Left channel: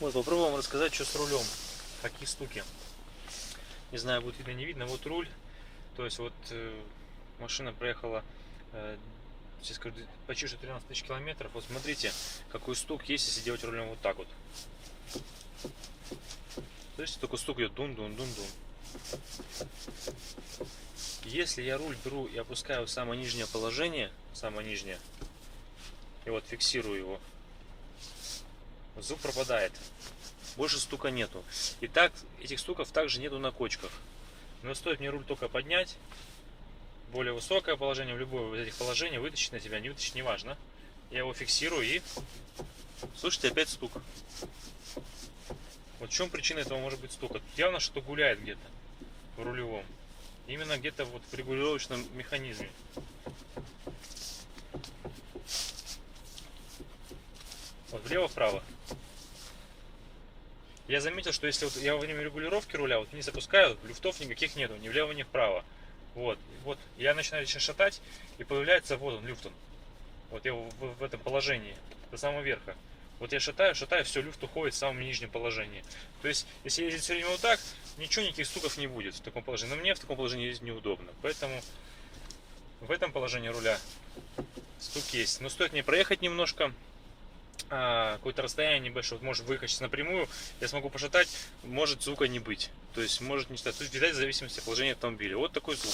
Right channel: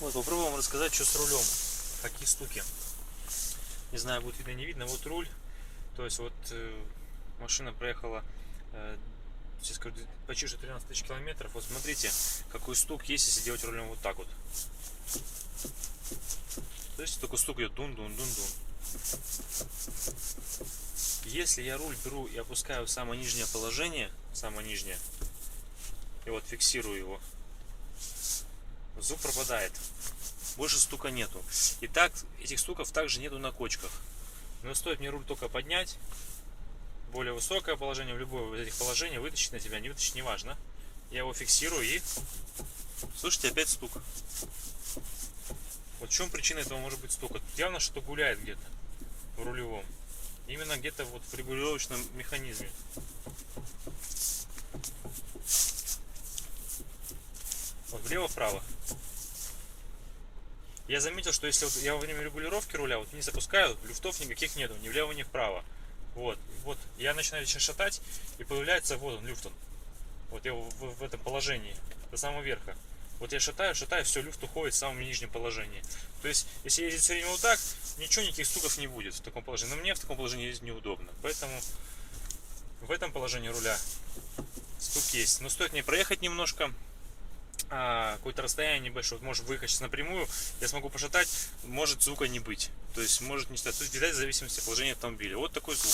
Вот, попробуем рассказать, что с рулем. Такие штуки. Не знаю, будет видно, не видно. Вот руль. То есть вот машина проехала, сейчас скажу, почти что 13 тысяч километров. Вот смотрите, какой стук есть, если делать рулем вот так вот. То есть такой стук идет дун-дун-дун-дун. Если я руль беру и опускаю в самое нижнее положение, самое нижнее, и вот фиксирую его, звук пропадает. Больше стука нету. И так, этих стуков также нету на кочках. Но стоит мне руль только поднять, более высокое положение, в любое из этих положений, вытащить на себя, не вытащить, неважно. Я его фиксирую и слышите, опять стук. Вот в чем причина этого может быть стука? Явно что гуляет где-то в рулевом. Именно где-то вот в регулировочном механизме. Вот влево-вправо. Я заметил, что если вот я во время регулировки руля вот вниз опускаю, люфтов никаких нету, ни влево, ни вправо. Вот я начинаю сейчас шатать, и появляется вот он, люфт. Вот я в этом положении, до самого верха. Вот я шатаю, все, люфт уходит в самом нижнем положении. То есть, если ездить все время вот так, ничего, никаких стуков не будет в таком положении. Но мне в таком положении ездить неудобно. Поэтому в этом положении руля стук есть. Но стоит мне проехать немножко, какое-то расстояние небольшое, вот может выехать напрямую, я смогу пошатать, может звука не быть. То есть может не стать. То есть, в зависимости от положения автомобиля. Вот такой звук.